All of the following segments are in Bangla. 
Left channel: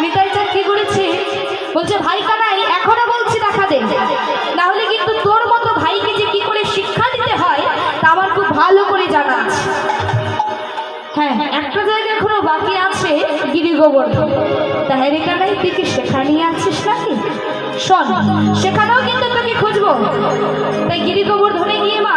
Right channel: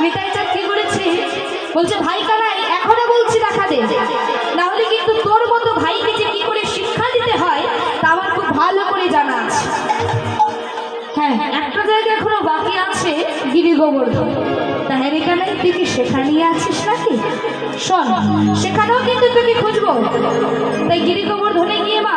নিতাই চাঁদ কি করেছে বলছে, ভাই কানাই এখনো বলছি দেখা দে, না হলে কিন্তু তোর মতো ভাইকে যে কি করে শিক্ষা দিতে হয় তা আমার খুব ভালো করে জানা আছে। হ্যাঁ, একটা জায়গা এখনো বাকি আছে, গিরি গোবর্ধন। তা হ্যাঁ রে কানাই, তুই কি সেখানে নিয়ে আছিস নাকি? শোন, সেখানেও কিন্তু তোকে খুঁজবো। তাই গিরি গোবর্ধনে গিয়ে মা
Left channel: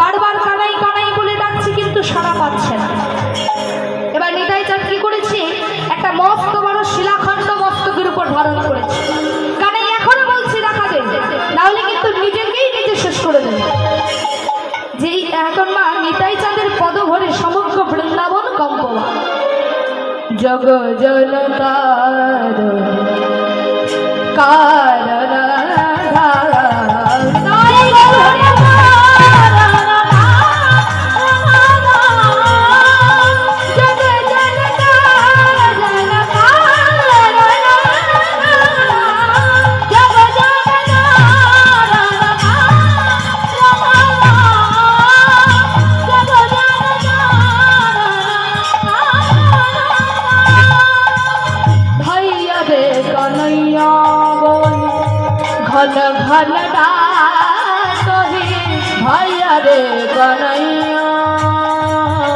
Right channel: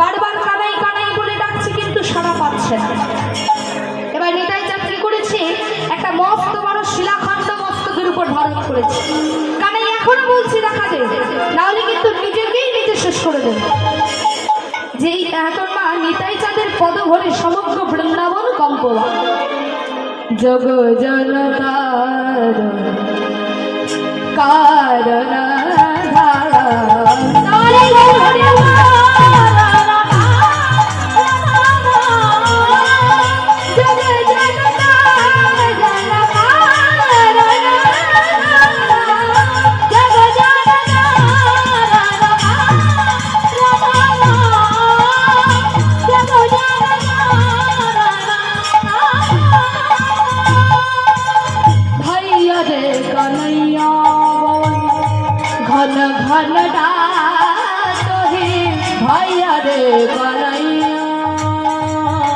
বারবার কানাই কানাই বলে ডাকছে, কিন্তু সাড়া পাচ্ছে না। এবার নিতাই চাঁদ কি করেছে, একটা মস্ত বড় শিলাখণ্ড মস্তকের উপর ধারণ করেছে। কানাই এখনো বলছি দেখা দে, না হলে কিন্তু নিজেকেই নিজে শেষ করে দেবে। যেই এখন মা নিতাই চাঁদের পদ ভরে সমগ্র বৃন্দাবন কম্পবা। জগ জনতার কারণ ঘন ঘন ডাকে ভাইয়া রে কনাইয়া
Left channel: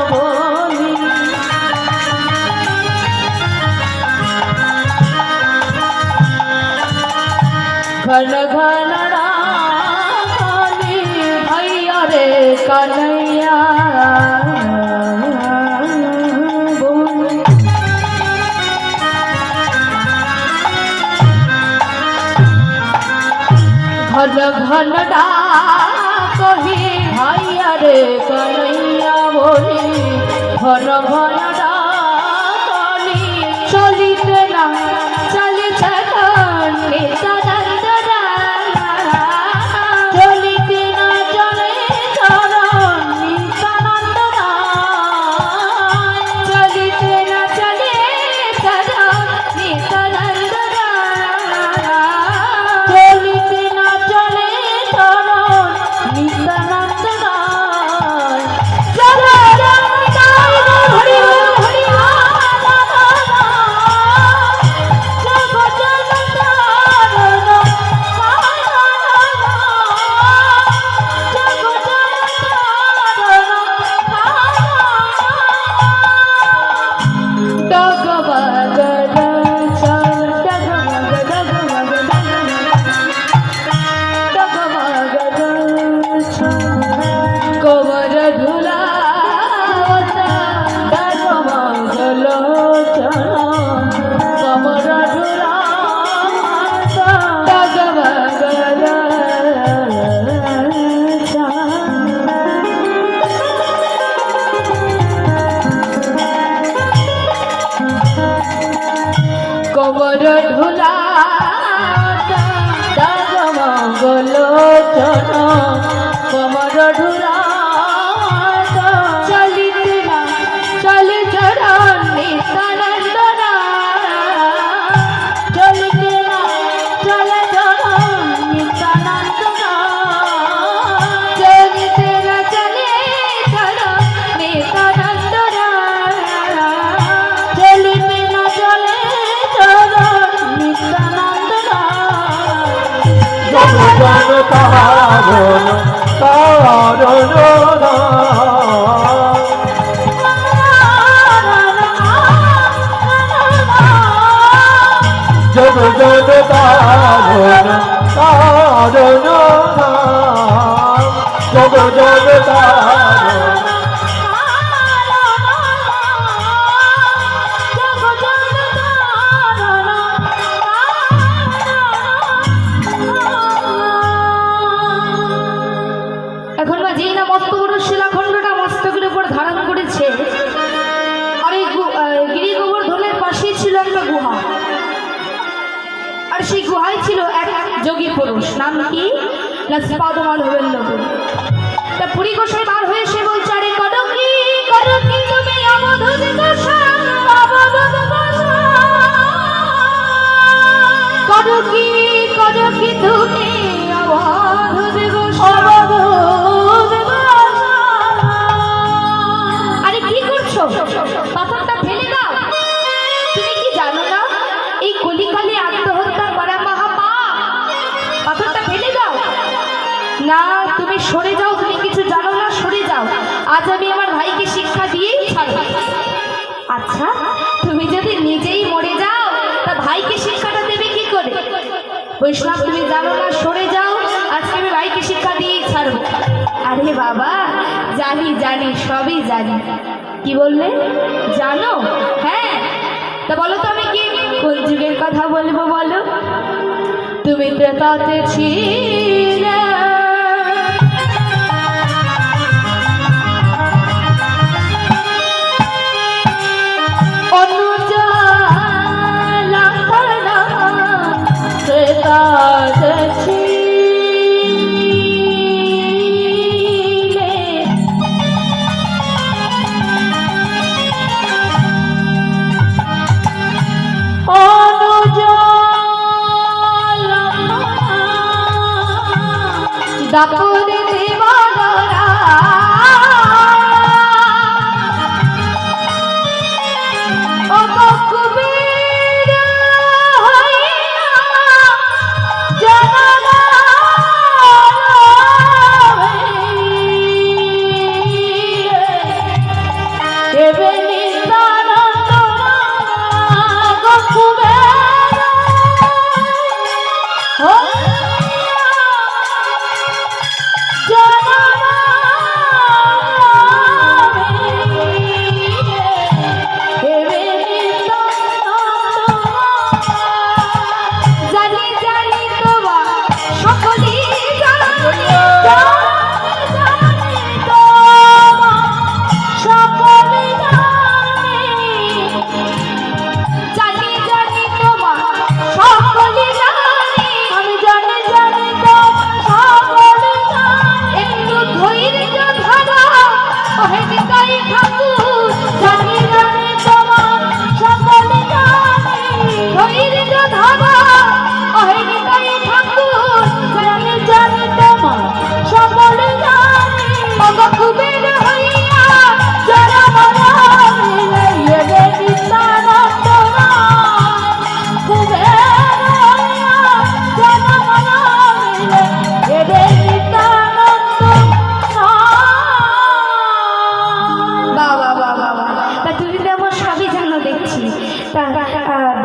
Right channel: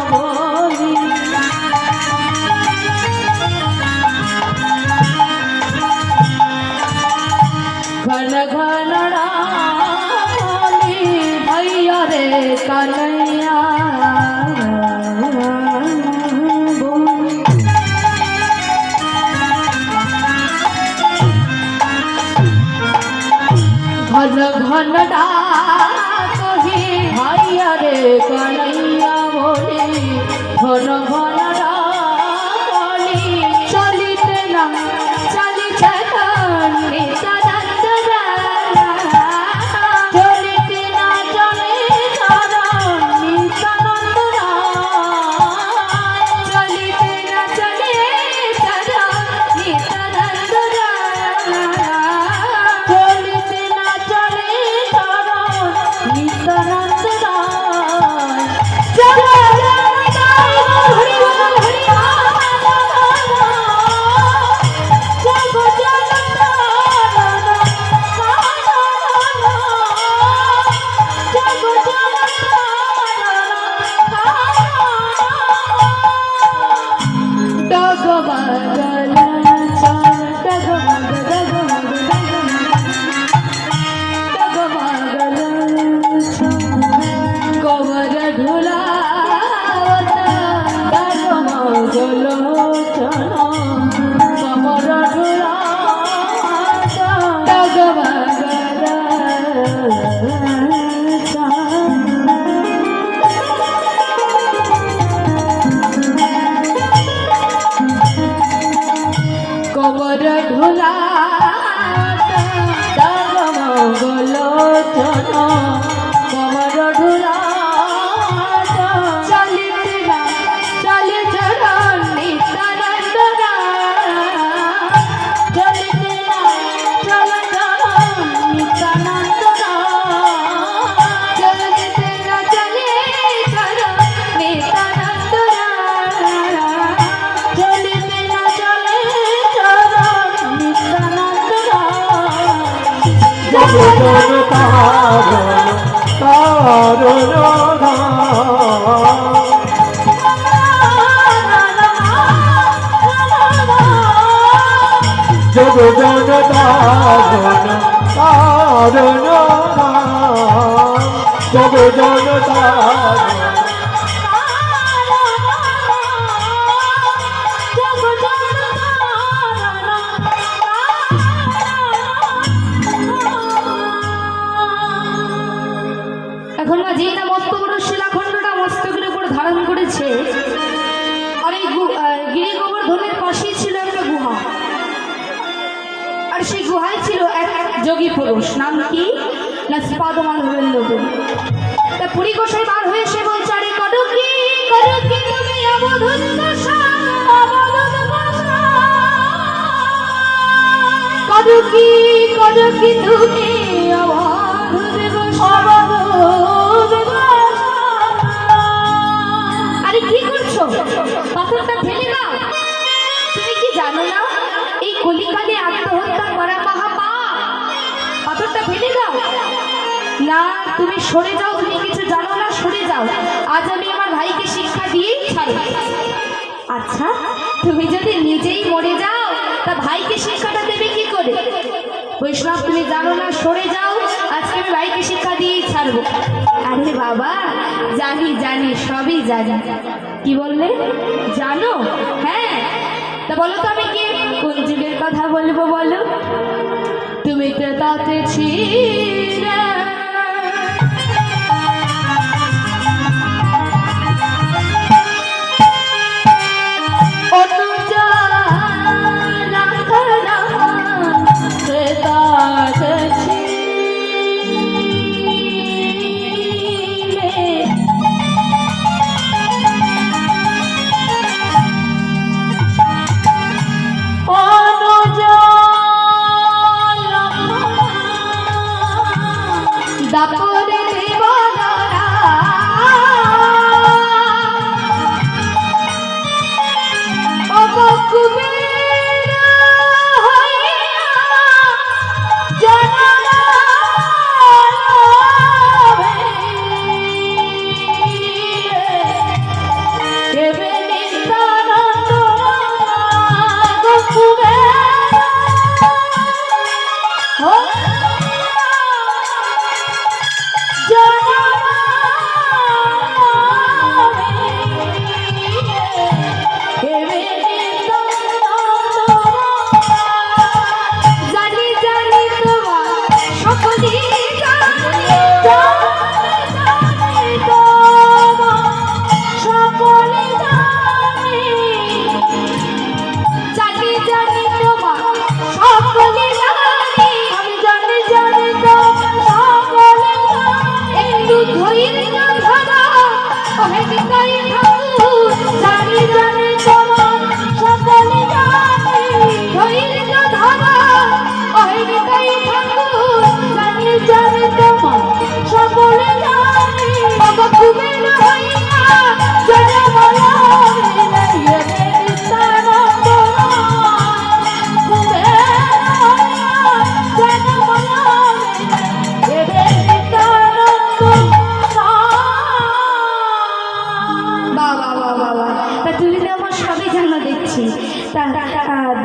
বলি, ঘন ঘন ডাকে ভাইয়া রে কনাইয়া ঘন ঘন ডাকি ভাইয়া রে কনাইয়া বলি, ঘন ঘন ডাকি চলিতে না চলিতে নিত্যানন্দরা, চলিতে না চলে চরণ নিত্যানন্দরা, চলিতে না চলে চরণ নিত্যানন্দরা, চলিতে না চলে চরণ নিত্যানন্দরা। এখন না যেই না মস্ত বড় শিলাখণ্ডটা মস্তকের উপর ধারণ করেছে, আর এই গিরি গোবর্ধনের পাশেই ছিল একটা গুহা, আর সেই গুহায় ছিল এক যোগী পুরুষ, নাম কি না স্পাদমান হরেন্দ্র। তা পুরী গোসাই বার হয়ে সে বলছে, আরে করো কি তুমি অবধূত গোসাই, করো কি তুমি অবধূত গোসাই। আরে কি করছো, পাথরটা ফেলে দাও। তুমি কি জানো না সরে যাও, তুমি কিছু জানো না, সরে যাও। আজ আমি আমার ভাইকে শিক্ষা দিয়েই ছাড়ব। আচ্ছা, তুমি যদি নিজেই মরে যাও তা ভাইকে শিক্ষাটা দেবে কি করে? বৈষ্ণব, তুমি জানো না, সরে যাও, আজকে আমি ভাইকে শিক্ষা দিয়েই ছাড়বো। আরে বাবা, জানি জানি, সবই জানি। কি বললে? জানো? হ্যাঁ, তা বলো তো আমি কি কোন যুগের কথা বলবো বলো? তুমি তো তাতে ছিলে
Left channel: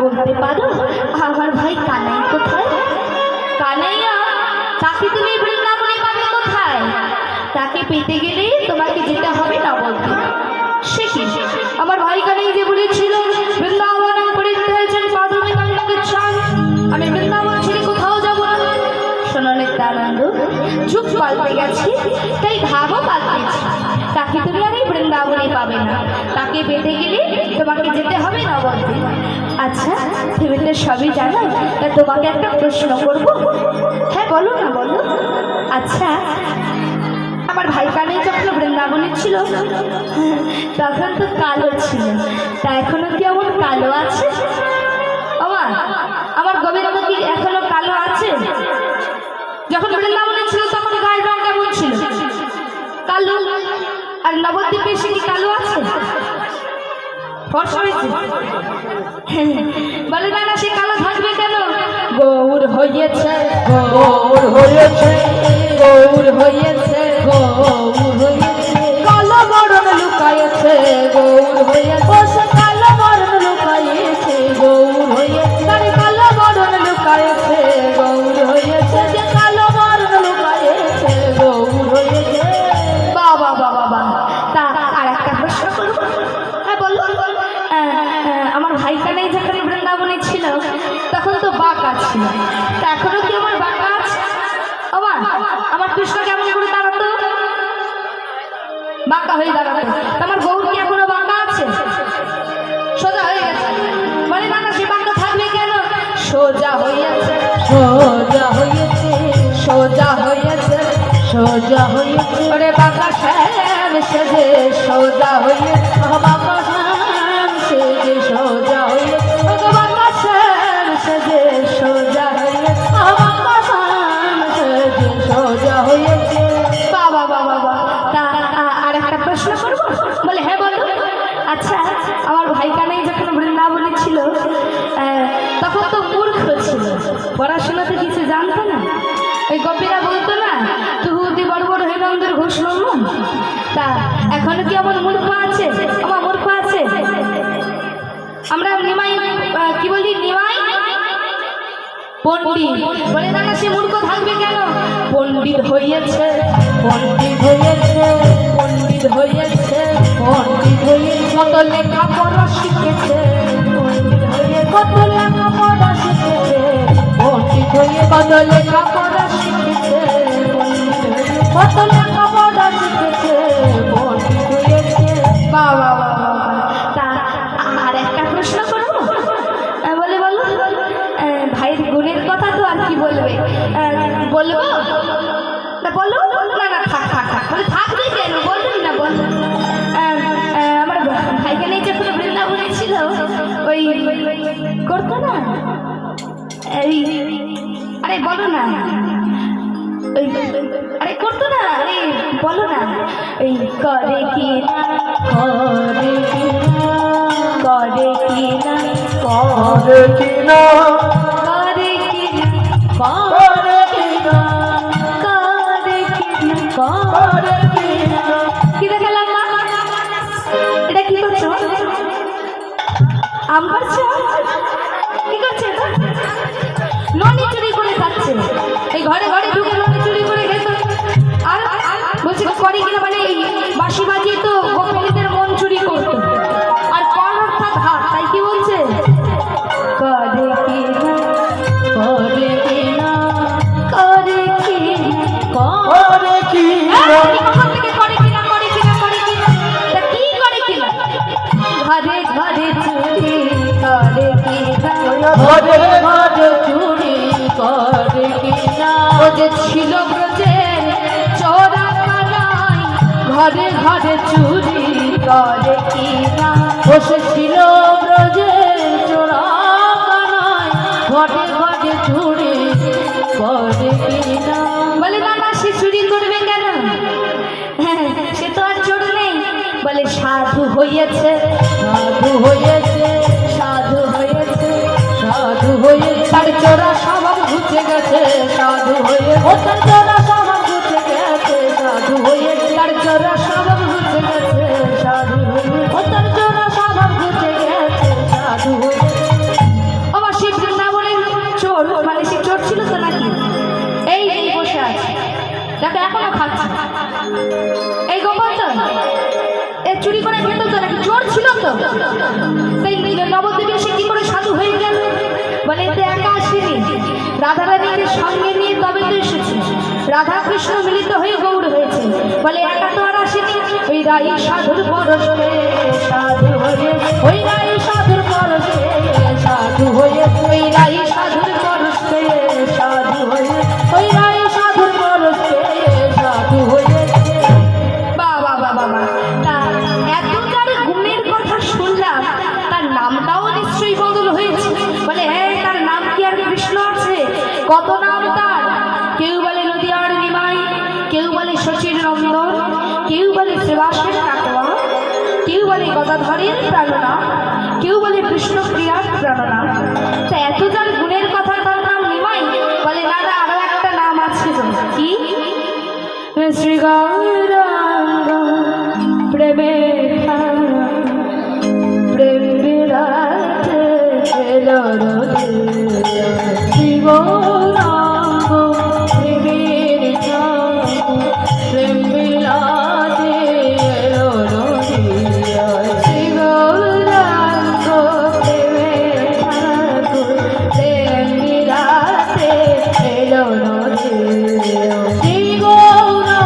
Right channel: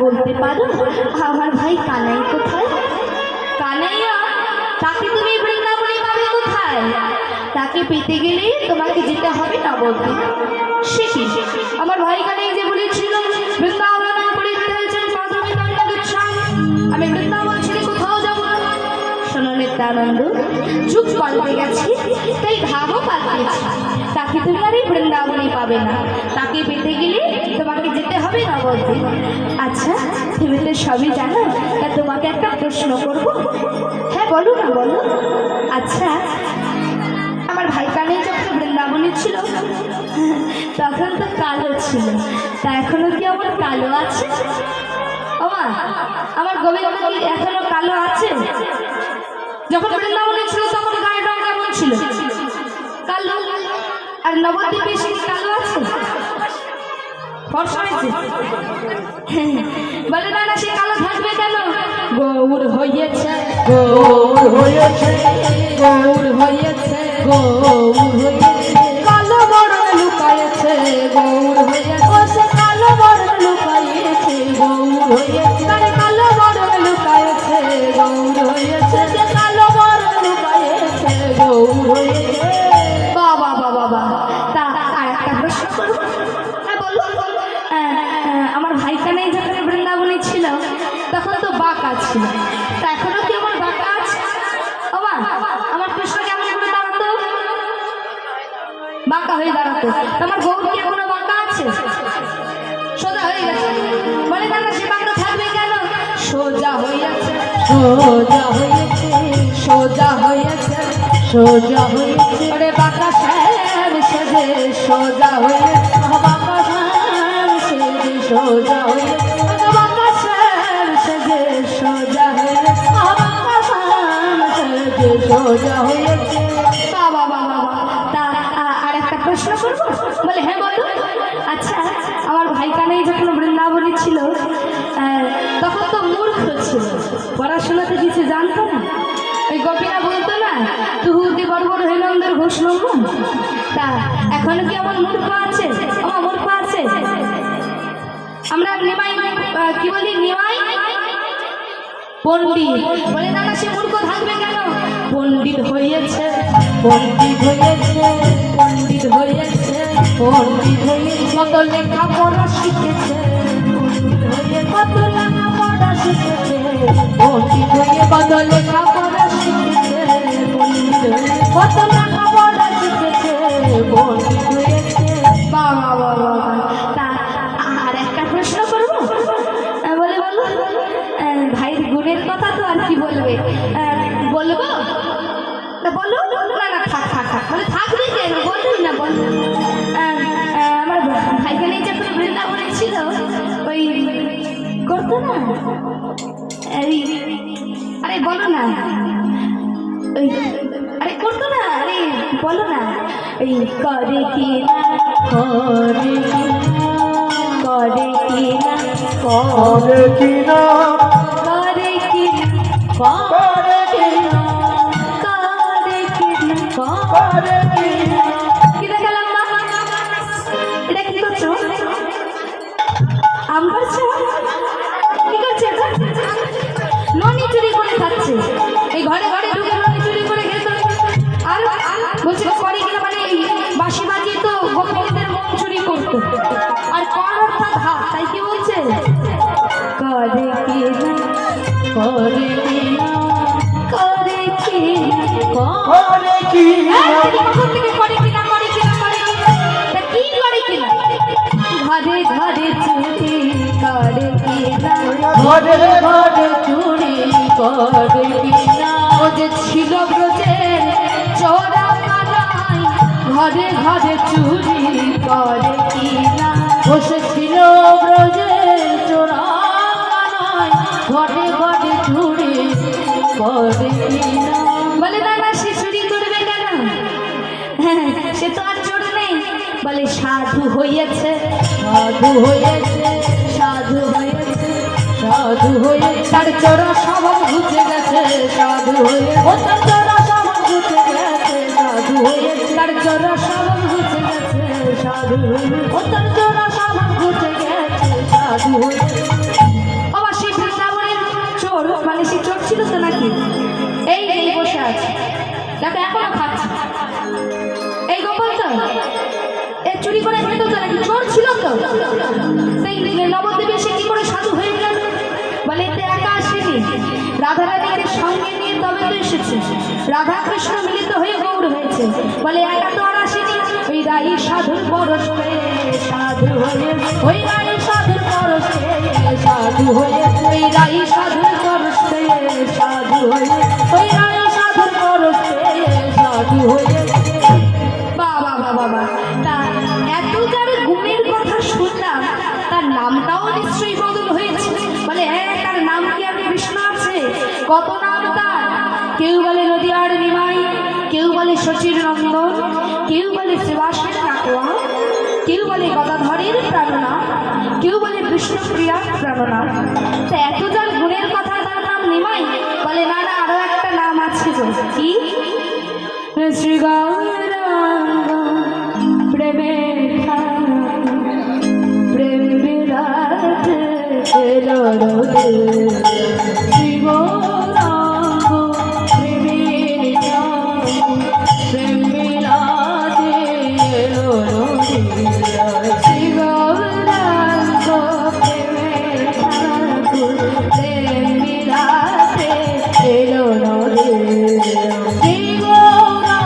বলতে পারো আমার ভাই কানাই কোথায়? কানাইয়া, তাকে তুমি বৃন্দাবনে পাবে কোথায়? তাকে পেতে গেলে তোমাকে যেতে হবে নবদ্বীপ। সে কি, আমার ভাই কানাই যে বলেছিল বৃন্দাবন করে ফেলেছেন মাধবী কানন্দের স্বামী, আমি বৃন্দাবন ছেড়ে কোথাও যাব না। শোনো নিত্যানন্দ, যুগ পাল্টে গেছে, তাই ভাবও পাল্টেছে। তাকে তুমি আর এই বৃন্দাবনে পাবে না, তাকে পেতে গেলে তোমাকে যেতে হবে নবদ্বীপ। আচ্ছা, তুমি তো সবই জানো, তোমাকে একটা প্রশ্ন করবো। হ্যাঁ বলো না, বলো। আচ্ছা, আমার ভাই কানে যখন বৃন্দাবনে ছিল তখন তো কালো ছিল, তা এখনো কি আমার কালো আছে? আমার গোবিন্দ কি এখনো কালো আছে? যখন বৃন্দাবনে ছিল তখন গায়ের রং কেমন ছিল? কালো। আর নবদ্বীপে এসে কি কালো আছে? ফর্সা হয়েছে? বলে না, সে কালো থাকবে কেন? গৌর হয়েছে, গৌর হয়েছে, গৌর হয়েছে, গৌর হয়েছে, কালো বরণ লুকায়েছে, গৌর হয়েছে, সে কালো বরণ লুকায়েছে, গৌর হয়েছে, কালো বরণ লুকায়েছে, গৌর হয়েছে, সে কালো বরণ লুকায়েছে, গৌর হয়েছে। বাবা বাবা বাবা, তা আর একটা প্রশ্ন করবো। হ্যাঁ বলো। আমার ভাই কানাই যখন বৃন্দাবনে ছিল তখন তো বাঁকা ছিল, তা এখনো কি আমার বাঁকা আছে? আমার কৃষ্ণ কেমন করে দাঁড়াতো? বাঁকা হয়ে দাঁড়াতো। আমার গৌর কি এখনো বাঁকা আছে? সোজা হয়ে গেছে। বলে না, সে বাঁকা থাকবে কেন? সোজা হয়েছে, সোজা হয়েছে, সোজা হয়েছে, সোজা হয়েছে, ওরে বাঁকা শ্যাম সেজে সোজা হয়েছে, বাঁকা শ্যাম সেজে সোজা হয়েছে, বাঁকা শ্যাম সেজে সোজা হয়েছে, বাঁকা শ্যাম সেজে সোজা হয়েছে। বাবা বাবা বাবা, তা আর একটা প্রশ্ন করবো? বলে হ্যাঁ বলো। আচ্ছা, আমার ভাই কানাই যখন বৃন্দাবনে ছিল তখন তো মূর্খ ছিল, পড়াশোনাতে কিছু জানতো না। ওই গোপীরা বলতো না, তুহুতে বড় বড় হইল আছে, আমার মূর্খ আছে। আমরা নিমাই কি বলি, নিমাই পণ্ডিত বলে না, সে মূর্খ থাকবে কেন? পণ্ডিত হয়েছে, পণ্ডিত হয়েছে, পণ্ডিত হয়েছে, পণ্ডিত হয়ে কত লেখাপড়া শিখেছে, পণ্ডিত হয়ে কত লেখাপড়া শিখেছে, পণ্ডিত হয়ে কত লেখাপড়া শিখেছে, পণ্ডিত হয়ে কত লেখাপড়া শিখেছে, পণ্ডিত হয়েছে। বাবা তা আর একটা প্রশ্ন করবো? বলে বলো। ভাইয়ের গুণের কথা তো আর কি বলবে, বলবো না? বলো না, না থাক থাক থাক, বলে থাকবে কেন, বলবি না বল। আমার ভাইকে নিয়ে যখন বৃন্দাবনে ছিল, ওই করতো না, আরে বলো না, ওই আরে করতো না, আরে বলো না, এই করে কি না, করে কি না, করে কি না, করে কি না, করে কি না, করে কি না, করে কি না, করে কি না। কি দেখালাম মা? এটা কি করছো? আম পাড়ছো? কি করছে? ননি চুরি করে খাচ্ছে, এই ঘরে ঘরে ঢুকে ননি চুরি করে খেত। আর বলছে করে কিনা, মানে বাঁশি বাজিয়ে তো গোপিনীদের মন চুরি করতো। আর কর অর্থাৎ হাত, তাই কি বলছে? করে কি না, করে কি না, করে কি, করে কি না, কোথা থেকে করে কি না, করে কি না, করে কি না, তা কি করে কি না? ঘরে ঘরে চুরি করে কি না, ঘরে ঘরে চুরি করে কি না। ও যে ছিল ব্রজের চোরা কানাই, ঘরে ঘরে চুরি করে কি না। ও সে ছিল ব্রজের চোরা কানাই, ঘরে ঘরে চুরি করে কি না। বলে না না, সে চুরি করবে কেন? সে তো আর চোর নেই। বলে সাধু হয়েছে, সাধু হয়েছে, সাধু হয়েছে, সাধু হয়েছে, তার চোরা স্বভাব ঘুচে গেছে, সাধু হয়েছে, তার চোরা স্বভাব ঘুচে গেছে, সাধু হয়েছে, তার চোরা স্বভাব ঘুচে গেছে, সাধু হয়েছে, তার চোরা স্বভাব ঘুচে গেছে, সাধু হয়েছে। বাবা সে বৃন্দাবনের চোর, মানে সে চোর ছিল তো নাকি? এই বসে আছে, দেখো এখনো খাচ্ছে, এই গোপাল তো চুরি করে খেত তো নাকি? চোর ছিল তো। নবদ্বীপে সে কি করে সাধু হয়ে গেল? বলে এতে একা আসেনি, রাধা রানীকে সঙ্গে নিয়ে তবে তো এসেছে, রাধা কৃষ্ণ মিলিত হয়ে গৌড় হয়েছে। বলে একা তো আর আসেনি, ওই রাই সাধুর পরশ পেয়ে সাধু হয়ে, ওই রাই সাধুর পরশ পেয়ে সাধু হয়ে, ওই রাই সাধুর পরশ পেয়ে সাধু হয়ে, ওই রাই সাধুর পরশ পেয়ে সাধু হয়ে। বাবা বাবা, তার এত যার গুণের কথা শুনলাম, তার নামটাও নিশ্চয়ই বদল হয়েছে। বলে হ্যাঁ, তার নাম কি আর কৃষ্ণ আছে? কত নাম তার। কেউ বলে নদীয়ার নিমাই, কেউ বলে শচীর নন্দন, কেউ বলে শ্রীবাসের কাটোয়া, কেউ বলে গদাধরের প্রাণনা, কেউ বলে কৃষ্ণপ্রিয়ার প্রাণনা। তা এত যার গুণের কথা, তার নাম নিমাই? বলে না না, আরো একটা নাম আছে। কি? শ্রী গৌরাঙ্গ প্রেমে প্রেম বিরাটে শ্রী গৌরাঙ্গ প্রেমের প্রেম বিলাতে শ্রী গৌরাঙ্গ প্রেম বিলাতে শ্রী গৌরাঙ্গ প্রেমের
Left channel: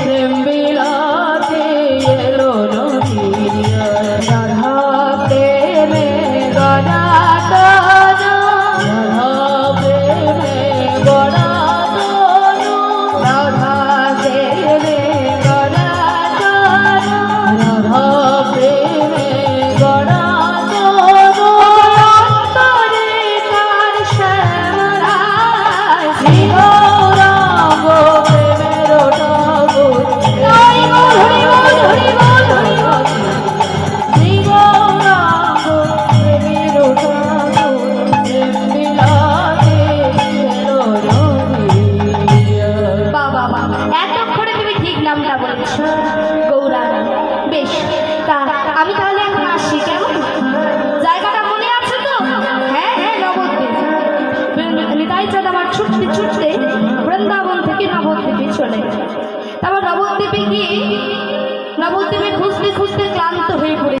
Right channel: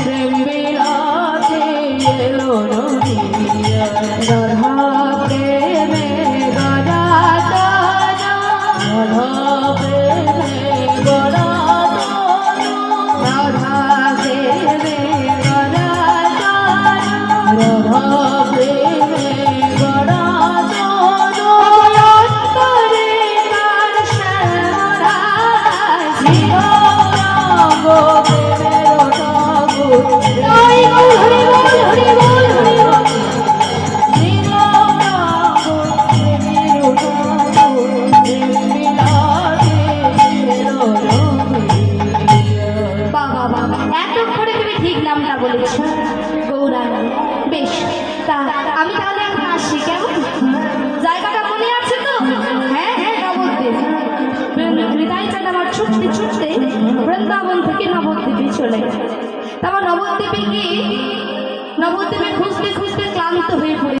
প্রেম বিলাতে রাধা প্রেমে ছুটতে বৃন্দাবন থেকে নবদ্বীপে চলে গেল। তারপর নবদ্বীপে গিয়ে নবদ্বীপে খুঁজতে খুঁজতে ক্লান্ত হয়ে পড়ে